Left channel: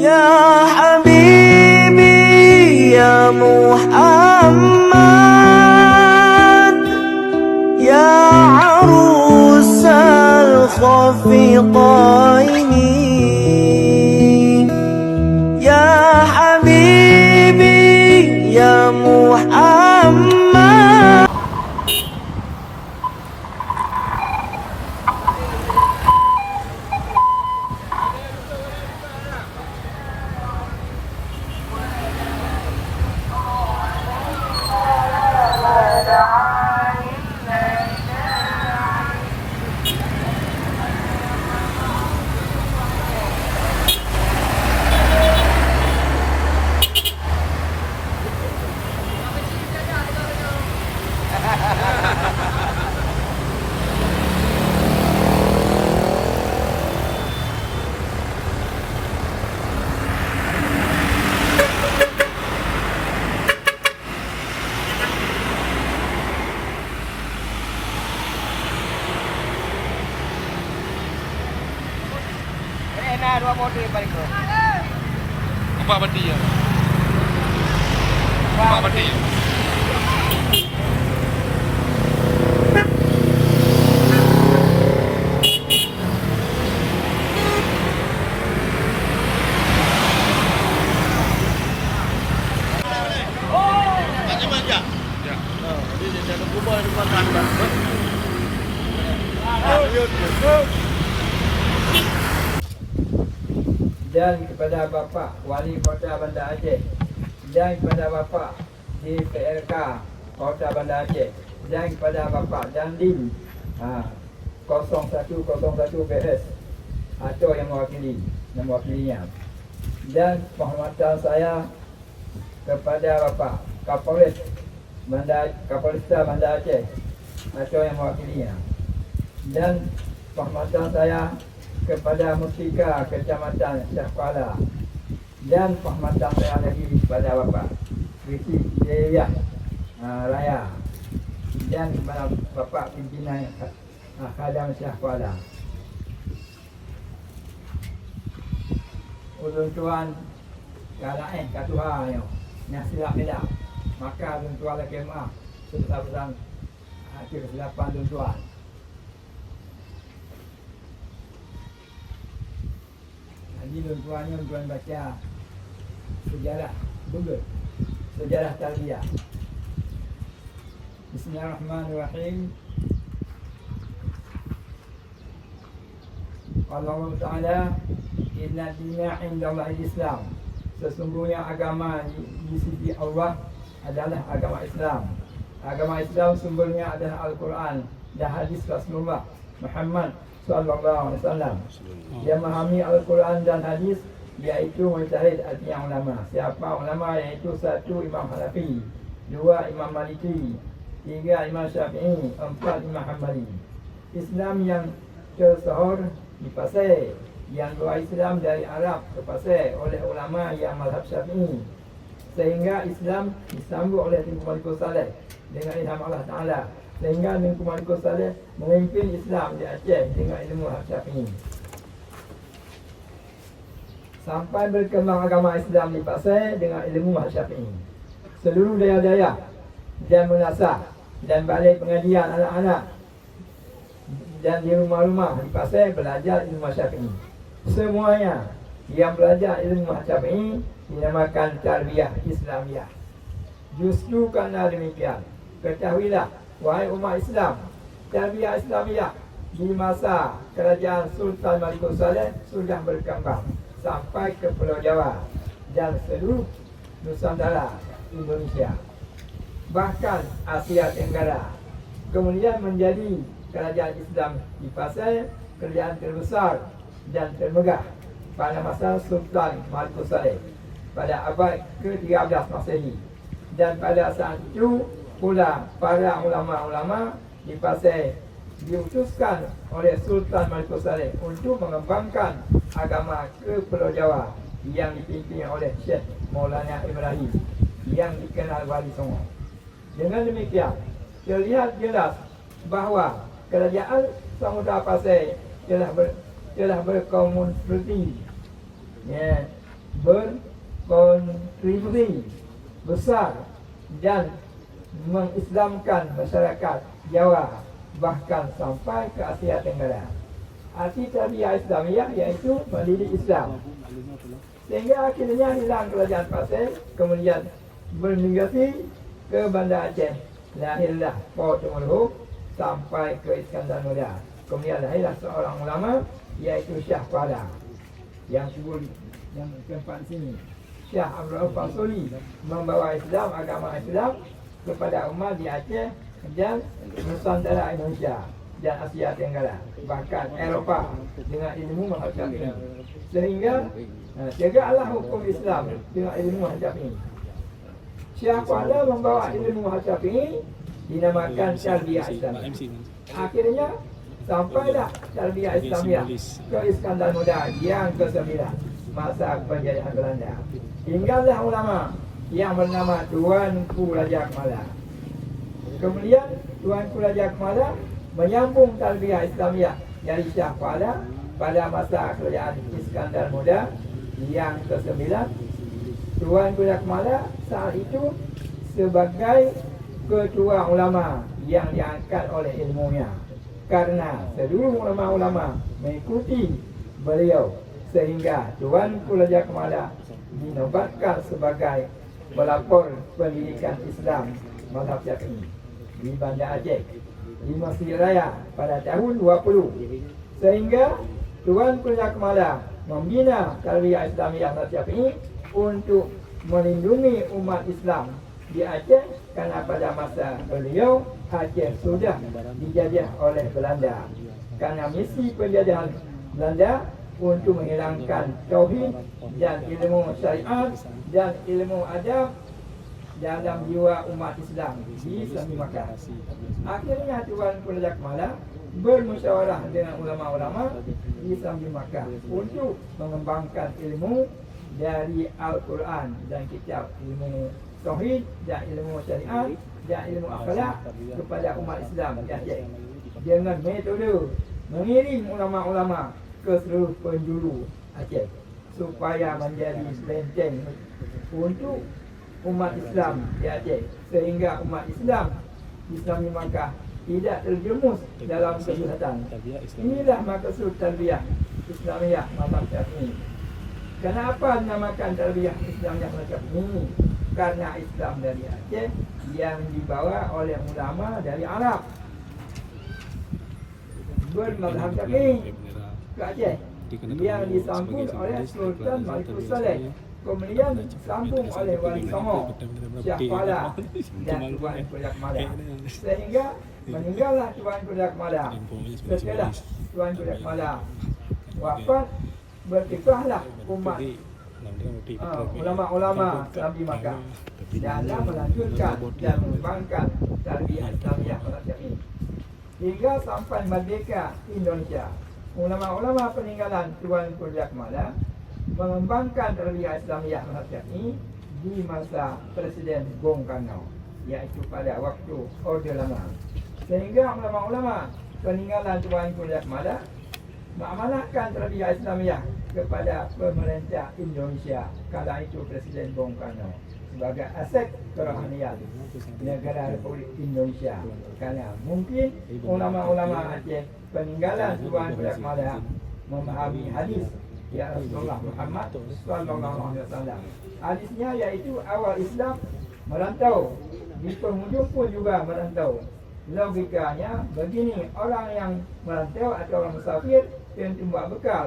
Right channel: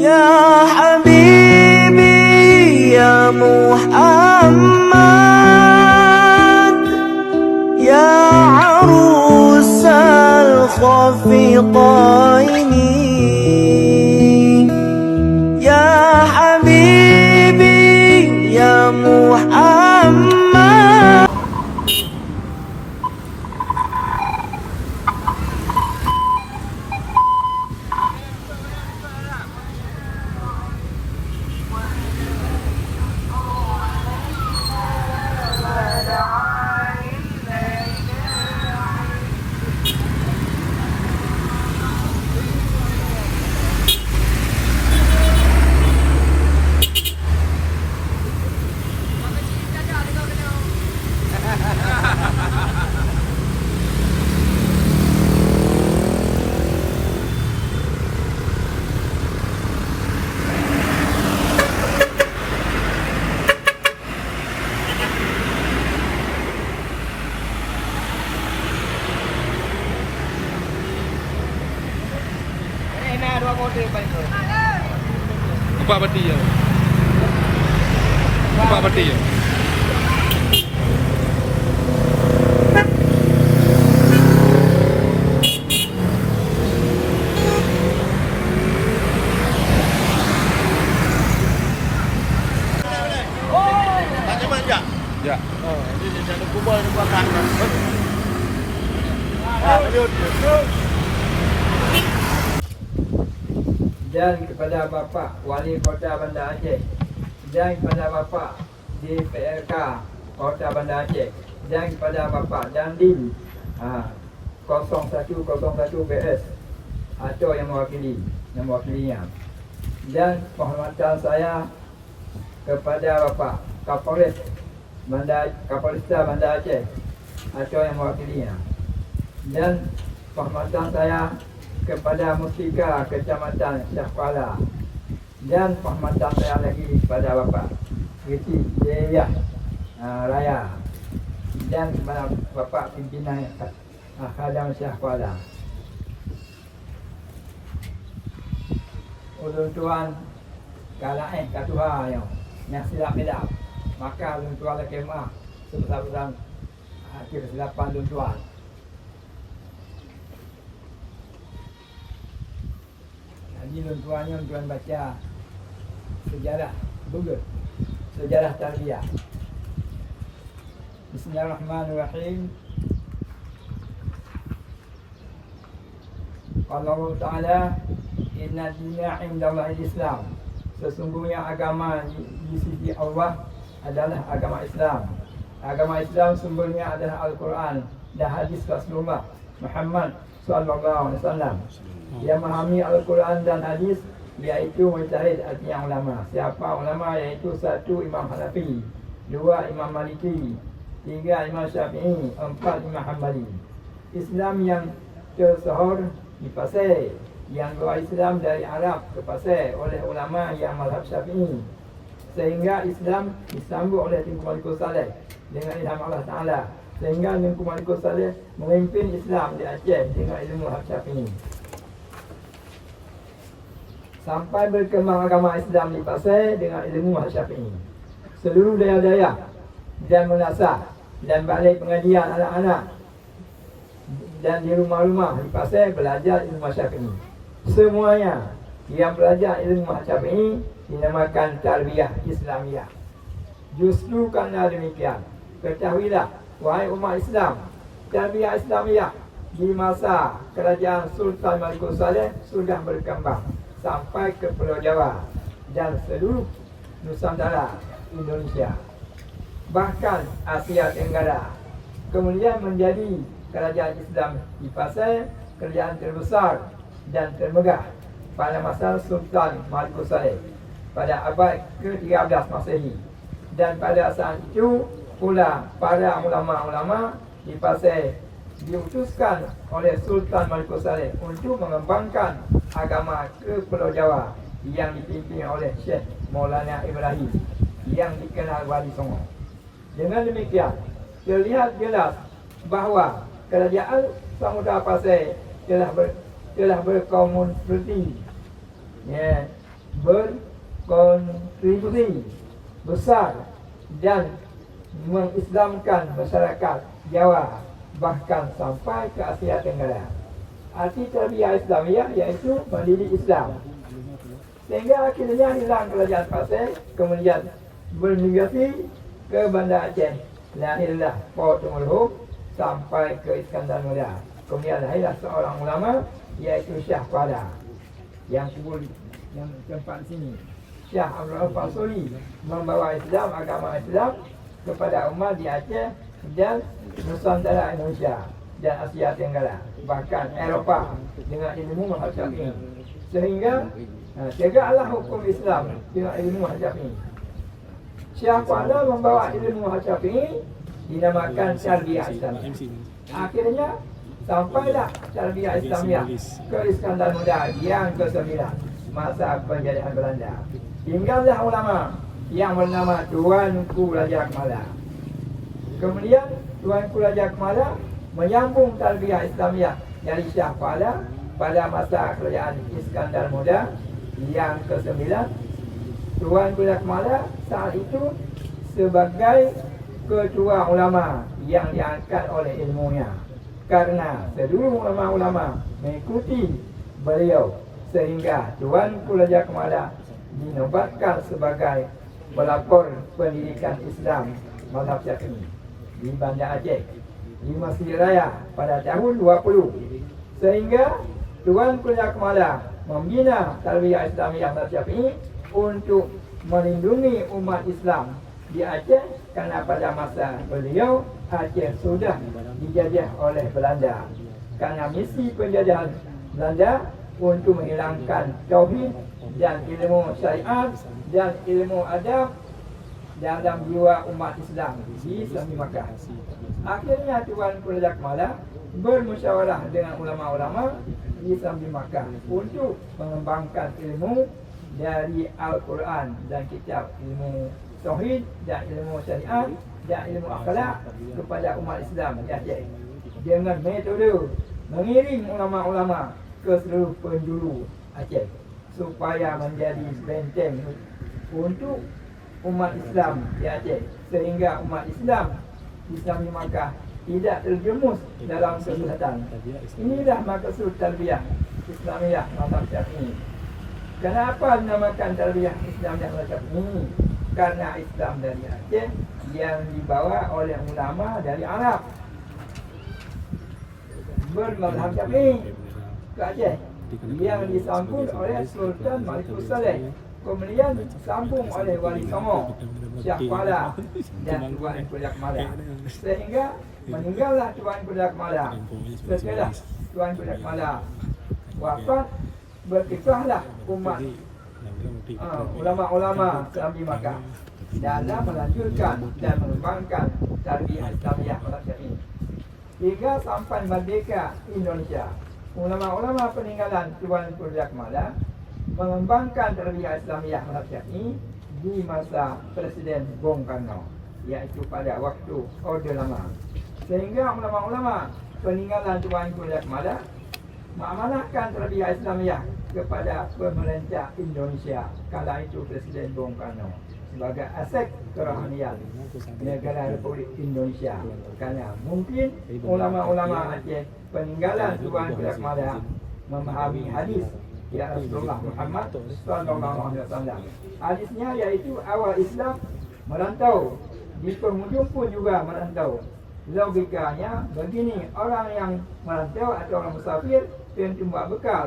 Ya Habibi ya Muhammad, ya arus al-khafiqaini, ya Habibi ya Muhammad. Empat peti ya. Empat peti ya. Ya. Dan kepada Bapa Wali Kota Bandar Aceh, dan kepada Bapa di PLK Kota Bandar Aceh, dan kepada Bapa Dandim 0101 BS atau yang mewakilinya, dan penghormatan saya kepada Bapa Kapolresta Bandar Aceh atau yang mewakilinya, dan penghormatan saya kepada Mustika Kecamatan Syahpala, dan penghormatan saya lagi kepada Bapak Riti Jaya Raya, dan kepada Bapak Pimpinan Khadam Syahpala. Ulun tuan kalah katuha yang silap hilap, maka ulun tuan lekemah sebesar-besar kesilapan ulun tuan. Jadi tuan baca sejarah Google, sejarah tarbiyah. Bismillahirrahmanirrahim. Allah Ta'ala, inna dina indallahi Islam. Sesungguhnya agama di sisi Allah adalah agama Islam. Agama Islam sumbernya adalah Al-Quran dan hadis Rasulullah Muhammad Sallallahu Alaihi Wasallam. Yang memahami Al-Quran dan hadis yaitu mujtahid, artinya ulama. Siapa ulama? Yaitu 1 Imam Hanafi, 2 Imam Maliki, 3 Imam Syafi'i, 4 Imam Hambali. Islam yang tersohor di Pasir, yang doa Islam dari Arab ke Pasir oleh ulama yang mazhab Syafi'i, sehingga Islam disambut oleh Tunku Malikul Saleh dengan ilham Allah Ta'ala, sehingga Tunku Malikul Saleh memimpin Islam di Aceh dengan ilmu Syafi'i. Sampai berkembang agama Islam di Pasir dengan ilmu Syafi'i. Seluruh daerah-daerah dan menasah dan balik pengajian anak-anak dan di rumah-rumah di Pasir belajar ilmu Syafi'i. Semuanya yang belajar ilmu Syafi'i dinamakan tarbiyah Islamiyah. Justru kerana demikian, ketahuilah wahai umat Islam, tarbiyah Islamiyah di masa kerajaan Sultan Malikul Saleh sudah berkembang sampai ke Pulau Jawa dan seluruh Nusantara Indonesia, bahkan Asia Tenggara. Kemudian menjadi kerajaan Islam di Pasir, kerajaan terbesar dan termegah pada masa Sultan Malikul Saleh pada abad ke-13 Masehi. Dan pada saat itu pula para ulama-ulama di Pasir diutuskan oleh Sultan Malikul Saleh untuk mengembangkan agama ke Pulau Jawa yang dipimpin oleh Syekh Maulana Ibrahim yang dikenal Wali Songo. Dengan demikian, terlihat jelas bahawa kerajaan Samudra Pasir telah berkomuniti berkontribusi besar dan mengislamkan masyarakat Jawa bahkan sampai ke Asia Tenggara. Arti tarbiyah Islamiah iaitu mendidik Islam. Sehingga akhirnya hilang kerajaan Pasir, kemudian bermigrasi ke Banda Aceh. Lahirlah Port Temerloh sampai ke Iskandar Muda. Kemudian lahirlah seorang ulama iaitu Syah Kuala yang kubur yang tempat sini. Syah Abdul Fasoli membawa Islam, agama Islam kepada umat di Aceh dan Nusantara Indonesia dan Asia Tenggara, bahkan Eropah dengan ilmu mazhab ini. Sehingga tegaklah hukum Islam dengan ilmu mazhab ini. Syah Kuala membawa ilmu mazhab ini dinamakan tarbiyah Islam. Akhirnya sampailah tarbiyah Islamiah ke Iskandar Muda yang ke-9 masa penjajahan Belanda. Tinggallah ulama yang bernama Tuanku Raja Kemala. Kemudian Tuanku Raja Kemala menyambung tarbiyah Islamiah dari Syah Kuala pada masa kerajaan Iskandar Muda yang ke-9. Tuanku Raja Kemala saat itu sebagai ketua ulama yang diangkat oleh ilmunya, karena seluruh ulama-ulama mengikuti beliau, sehingga Tuanku Raja Kemala dinobatkan sebagai pelapor pendidikan Islam mazhab Syafi'i di Banda Aceh di Masjid Raya pada tahun 20. Sehingga Tuanku Raja Kemala membina tarbiyah Islamiah mazhab Syafi'i untuk melindungi umat Islam di Aceh, karena pada masa beliau Aceh sudah dijajah oleh Belanda. Karena misi penjajahan Belanda untuk menghilangkan tauhid dan ilmu syariat dan ilmu adab dalam jiwa umat Islam di Sambi Makkah. Akhirnya Tuanku Raja Kemala bermusyawarah dengan ulama-ulama di Sambi Makkah untuk mengembangkan ilmu dari Al-Quran dan kitab ilmu tauhid dan ilmu syariat dan ilmu akhlak kepada umat Islam di Aceh, dengan metode mengirim ulama-ulama ke seluruh penjuru Aceh supaya menjadi benteng untuk umat Islam di Aceh, sehingga umat Islam di Sambi Makkah tidak terjerumus dalam kejahatan. Inilah maksud tarbiyah Islamiah mazhab Syafi'i. Kenapa dinamakan tarbiyah Islamiah mazhab ini? Karena Islam dari Aceh yang dibawa oleh ulama dari Arab bermazhab Syafi'i ke Aceh, yang disambung oleh Sultan Malikus Saleh, kemudian sambung oleh Wali Songo, Syah Kuala dan Tuanku Raja Kemala. Sehingga meninggallah Tuanku Raja Kemala. Setelah Tuanku Raja Kemala wafat, berkisahlah umat ulama-ulama Sambi Makkah dalam melanjutkan dan mengembangkan tarbiyah Islamiah mazhab Syafi'i hingga sampai merdeka Indonesia. Ulama-ulama peninggalan Tuanku Raja Kemala mengembangkan tarbiyah Islamiah mazhab Syafi'i di masa Presiden Bung Karno, iaitu pada waktu Orde Lama. Sehingga ulama-ulama peninggalan Tuanku Raja Kemala mengamanahkan tarbiyah Islamiah kepada pemerintah Indonesia kala itu Presiden Bung Karno sebagai aset kerohanian negara Republik Indonesia. Karena mungkin ulama-ulama Aceh peninggalan Tuanku Raja Kemala memahami hadis ya Rasulullah Muhammad sallallahu alaihi wasallam. Hadisnya yaitu awal Islam merantau, di penghujung pun juga merantau. Logikanya begini, orang yang merantau atau orang musafir tentu membawa bekal,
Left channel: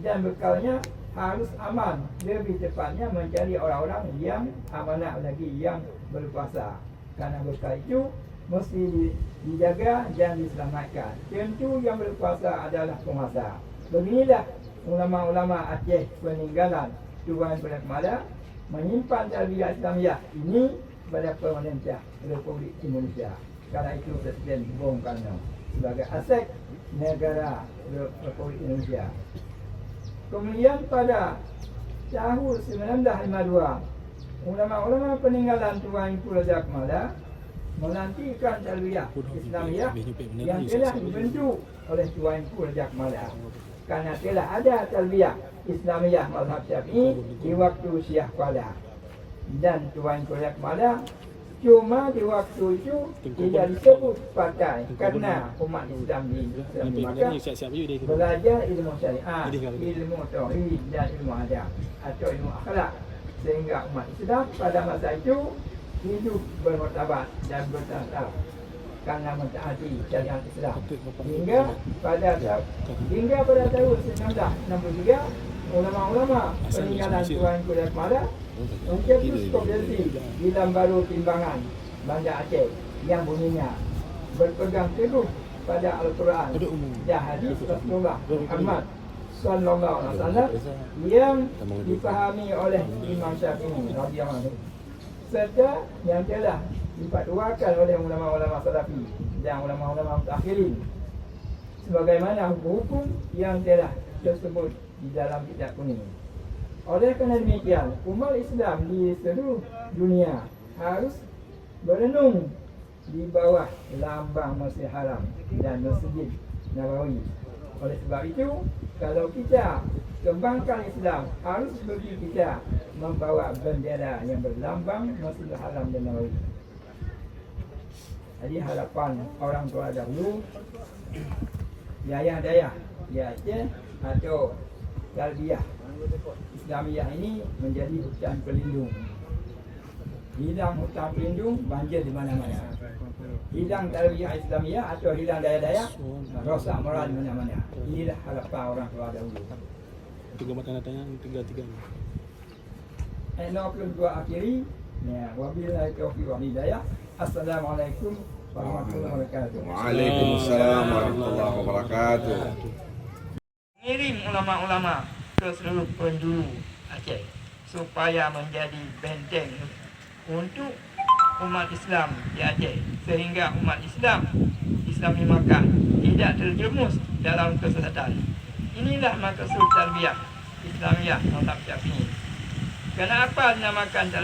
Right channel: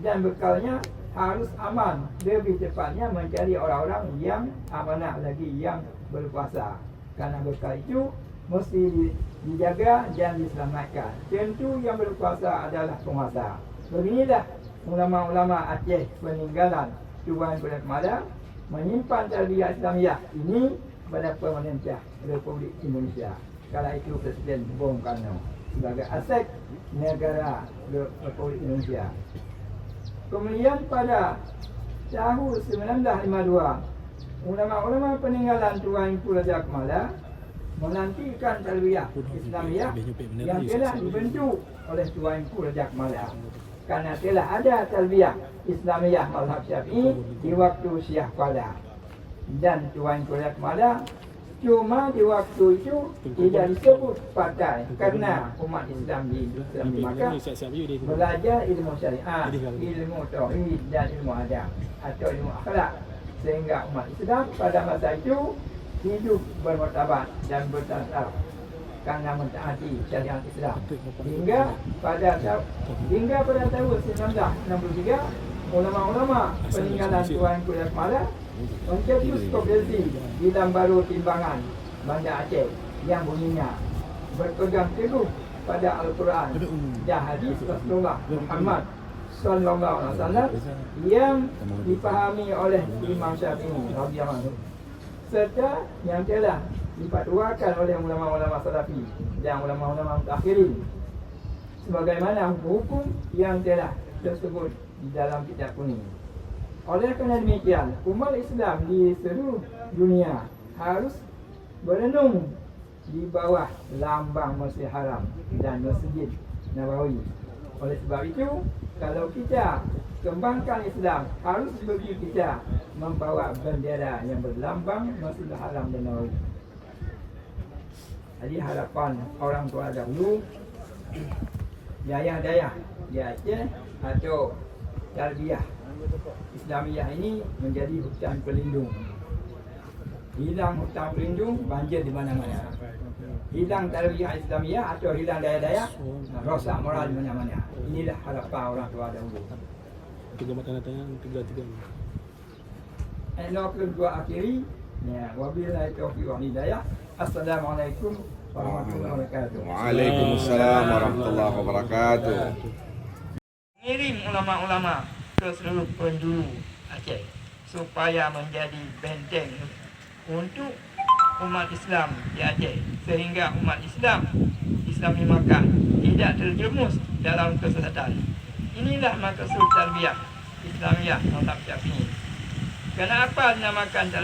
dan bekalnya harus aman. Lebih tepatnya mencari orang-orang yang amanah lagi, yang berpuasa. Karena bekal itu mesti dijaga dan diselamatkan. Tentu yang berpuasa adalah penguasa. Beginilah ulama-ulama Aceh peninggalan Tuanku Raja Kemala menyimpan tarbiyah Islamiah ini kepada pemerintah Republik Indonesia. Kala itu Presiden Bung Karno sebagai aset negara Republik Indonesia. Kemudian pada tahun 1952, ulama-ulama peninggalan Tuanku Raja Kemala menantikan tarbiyah Islamiah yang telah dibentuk oleh Tuanku Raja Kemala. Karena telah ada tarbiyah Islamiyah mazhab Syafi'i di waktu Syiah pada. Dan Tuan Kuliah pada cuma di waktu itu tidak disebut pakai karena umat Islam di Makkah belajar ilmu syariat, ilmu tauhid dan ilmu adab atau ilmu akhlak, sehingga umat Islam pada masa itu hidup bermartabat dan bertata karena mentaati syariat Islam hingga pada tahun 1963 ulama-ulama peninggalan Tuan Kuliah Mala mencetus konvensi Bidang Baru Timbangan Banda Aceh yang bunyinya berpegang teguh pada Al-Quran dan hadis Rasulullah Muhammad Sallallahu Alaihi Wasallam yang dipahami oleh Imam Syafi'i radhiyallahu anhu, serta yang telah dipatuakan oleh ulama-ulama salafi dan ulama-ulama mutakhirin sebagaimana hukum yang telah tersebut di dalam kitab kuning. Oleh kerana demikian, umat Islam di seluruh dunia harus berenung di bawah lambang Masjid Haram dan Masjid Nabawi. Oleh sebab itu, kalau kita kembangkan Islam, harus bagi kita membawa bendera yang berlambang Masjid Haram dan Nabawi. Jadi harapan orang tua dahulu, dayah-dayah di Aceh atau tarbiyah Islamiyah ini menjadi hutan pelindung. Hilang hutan pelindung, banjir di mana-mana. Hilang tarbiyah Islamiyah atau hilang daya-daya, rosak moral di mana-mana. Inilah harapan orang tua dahulu. Tiga makanan tiga. Elok kedua akhiri. Ya, wabillahi taufiq wal hidayah. Assalamualaikum warahmatullahi wabarakatuh. Waalaikumsalam warahmatullahi wabarakatuh. Mengirim ulama-ulama ke seluruh penjuru Aceh supaya menjadi benteng untuk umat Islam di Aceh, sehingga umat Islam di Makkah tidak terjerumus dalam kesesatan. Inilah maksud tarbiyah Islamiyah mazhab Syafi'i. Kenapa dinamakan